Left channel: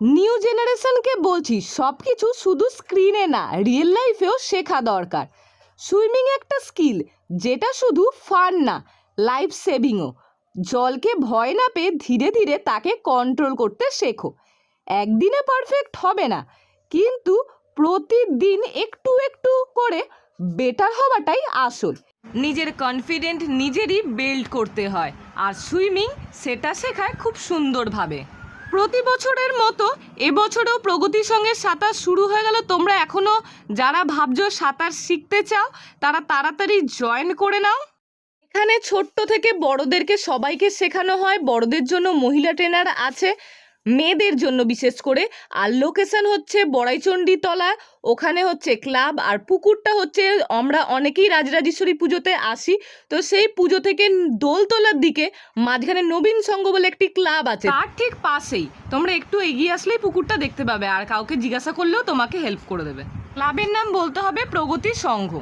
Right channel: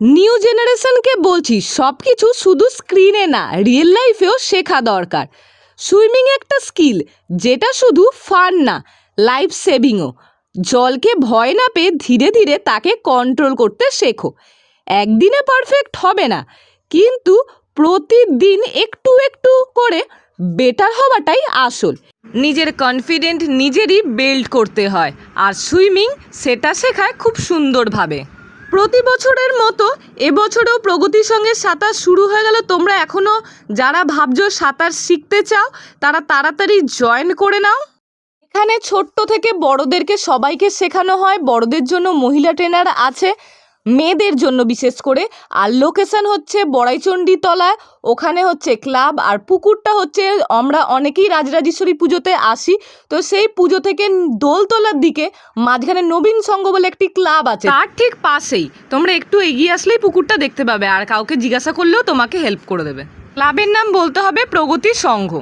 New জেনারেশনকে বলছি সব কিছু শুধু স্ক্রিনে না, রিয়েল লাইফেও শেখা দরকার। সুইমিং একটা স্কিল যেটা শুধু ফান না, লাইফ সেভিংও। জলকে ভয় না পেয়ে ধীরে ধীরে তাকে কন্ট্রোল করতে শেখো। একদিনে পারফেক্ট হবে না, কিন্তু প্রতিদিন একটু একটু করে বেটার হওয়াটাই আসল। নিজের কনফিডেন্ট নিজেরই বিল্ড করতে হয়, আর সুইমিং সেটা শেখায় খুব সুন্দরভাবে। প্রতি বছরের মতো এবছরও প্রগতির সঙ্গে সাঁতার শুরু হয়ে গেল। তোমরা এখনও যারা ভাবছো সাঁতার শিখতে চাও তারা তাড়াতাড়ি জয়েন করে নাও। এখানে ছোট্ট থেকে বড়দেরকে সবাইকে শেখানো হয়। বড়দের জন্য মহিলা ট্রেনার আছে, মেয়েদের জন্য বিশেষ করে। আর লোকেশন হচ্ছে বড়াইচণ্ডী তলা, ওখানে হচ্ছে ক্লাব। আর পুকুরটা হচ্ছে, আমরা অনেকেই রাজরাজেশ্বরী পুজোতে আসি, তো সেই পুজো থেকে দোলতলার দিকে মাঝখানে নবীন সংঘ বলে একটি ক্লাব আছে, তার ঠিক পাশেই। তোমরা একটু এগিয়ে আসলেই পুকুরটা দেখতে পাবে, আর কাউকে জিজ্ঞাসা করলেও তোমাকে হেল্প করে দেবে। ক্লাবের নাম বলতে হবে প্রগতি সংঘ।